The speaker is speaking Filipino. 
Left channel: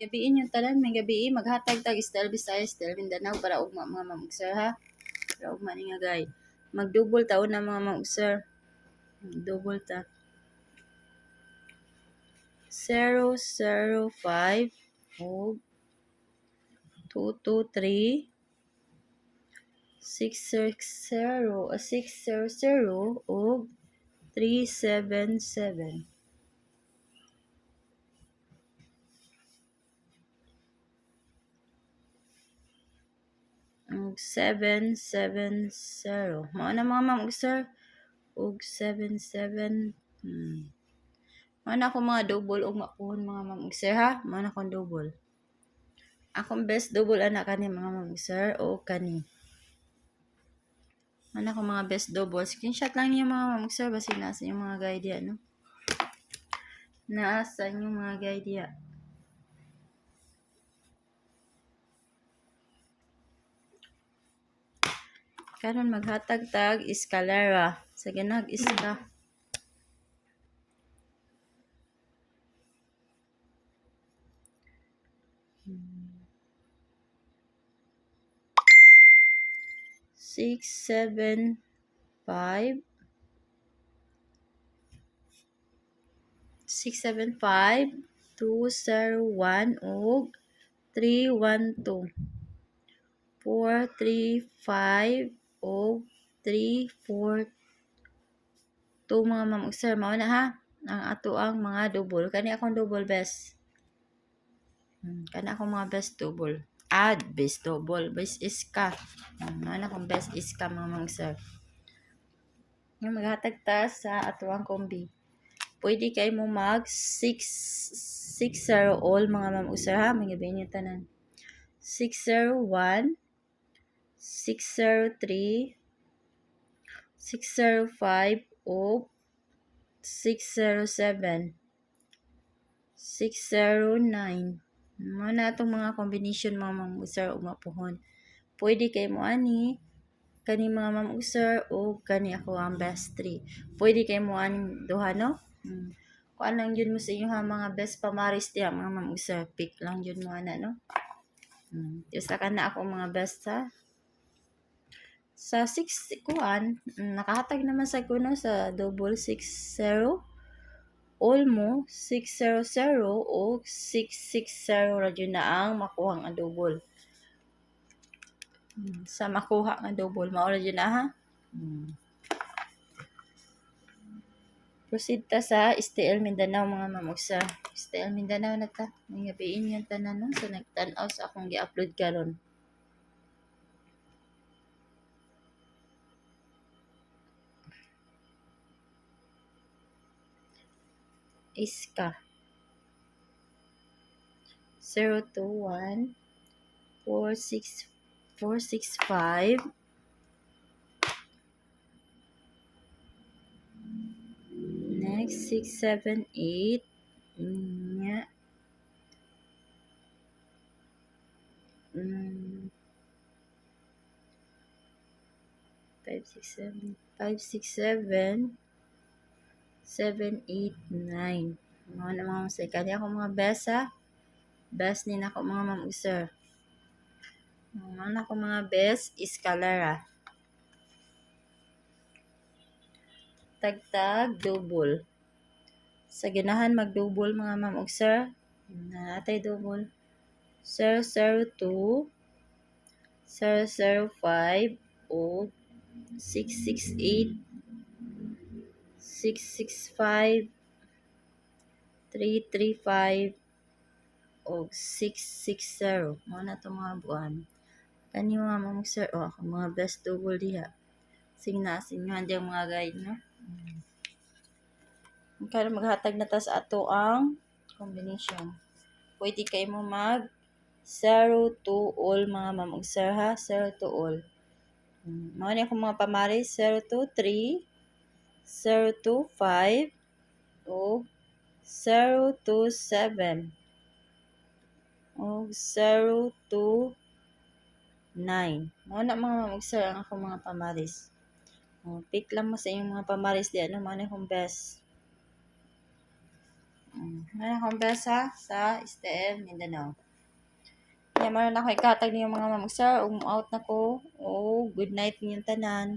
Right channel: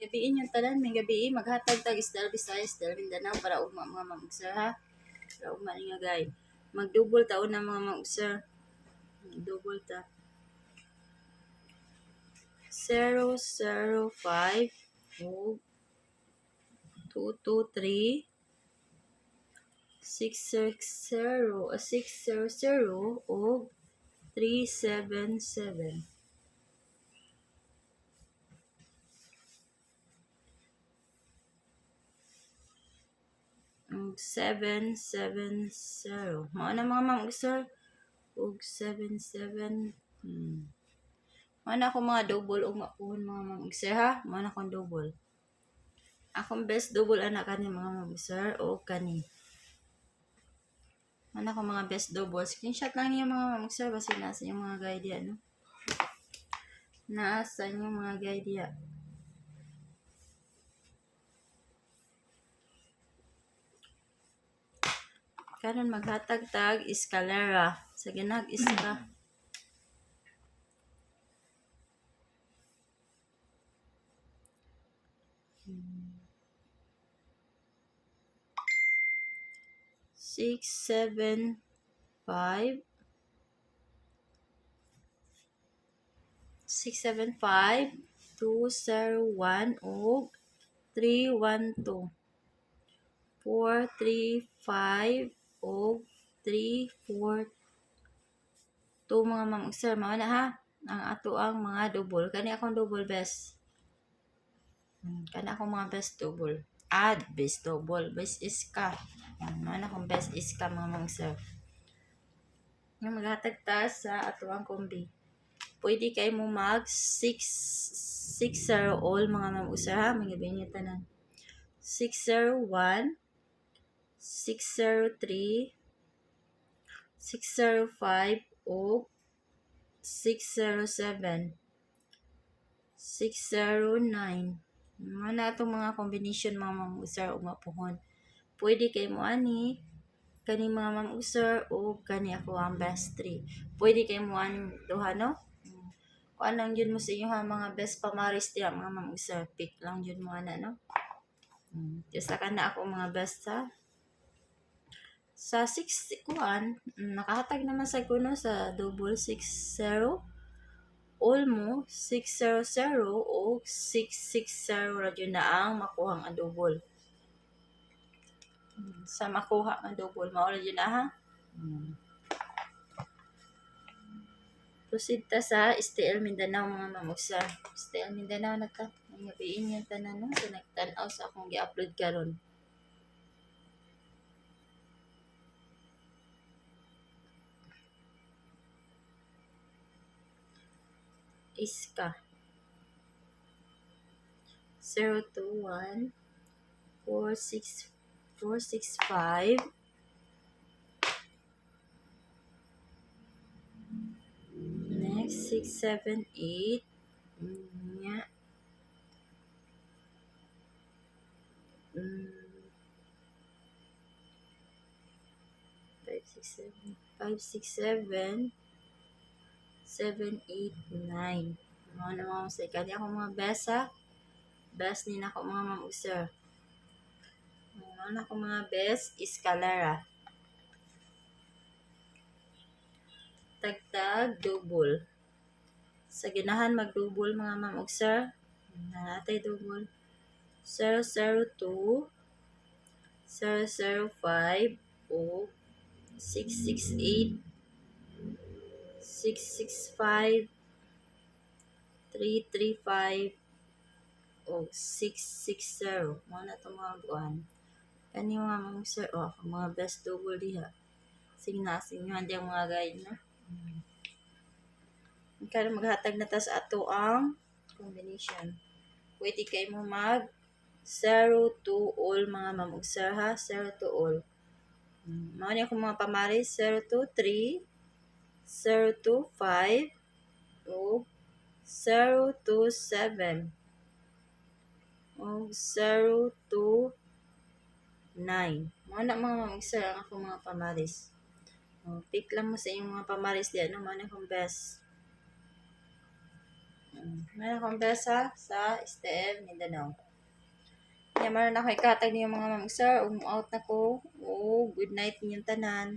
Gabiin yung tanan, may gabiin, maghatag tag Style Visayas, Style Mindanao para ugma mga mamag-sir ha. Para ugma ni nga gay. Mag-double taon na mga mamag-sir. Double ta. 005 ug 223 600 ug 377. Ug 770. Mao na mga mamag-sir. Ug 77. Mao na ako mga double ug mapuhon mga mamag-sir ha. Mao na akong double. Akong best double anak kani mga mamag-sir o kani. Mao na ako mga best double. Screenshot lang niyo mga mamag-sir basi nasa yung mga guide ya no. Nasa yung mga guide ya. Karon maghatag tag escalera sa ginag iska. Six, 7, 5. 675 201 ug 312 435 ug 342 mga mamag-sir. Mao na ha ang ato ang mga double. Kani akong double best. Kani akong mga best double. Add best double. Best iska. Mao na akong best iska mga mamag-sir. Yung maghatag ta sa ato ang kombi. Pwede kayo mo mag 660 all mga mamag-sir ha. Magabihin yung tanan. 601 603 605 o 607 609. Muna itong mga combination mga mamag-sir o mapuhon. Pwede kayo mo ani kani mga mamag-sir o kani ako ang best 3. Pwede kayo mo ani duha no? Kung anong yun mo sa inyo ha mga best pamaris diya mga mamag-sir. Pick lang yun mo ana no? Isa ka na ako mga best ha. Sa 6 kuan, nakahatag naman sa kuno sa double 60. All mo 600 o 660 ra jud na ang makuha ang double. Sa makuha nga double mao ra jud na ha. Proceed ta sa STL Mindanao mga mamag-sir. STL Mindanao na ta. Ngabiin yung tanan no sa nagtan-aw sa akong gi-upload karon. Iska 021 465 next 678 nya 567 789. Mga naman sa kanya ako mga best ha. Best din ako mga mamag-sir. Mga ako mga best escalera. Tagtag double. Sa ganahan mag-double mga mamag-sir. Natay double. 002 005 o 668 665 335 o 660. Mga na itong mga buwan. Kani mga mamag-sir o mga best double diha. Sige na asingan diyang mga guide no. Kaya maghatag na ta sa ato ang combination. Pwede kayo mo mag 0 to all mga mamag-sir ha. 0 to all. Mao ni ako mga pamaris 0 to 3 0 to 5 o 0 to 7 o 0 to 9. Mao na mga mamag-sir ang ako mga pamaris. Pick lang mo sa inyong mga pamaris diyan no. Mao na akong best. Ngayon akong besa sa STL Mindanao. Kaya maron ako ikatag niyo mga ma'am ug sir, out na ko. Oh, good night ninyong tanan.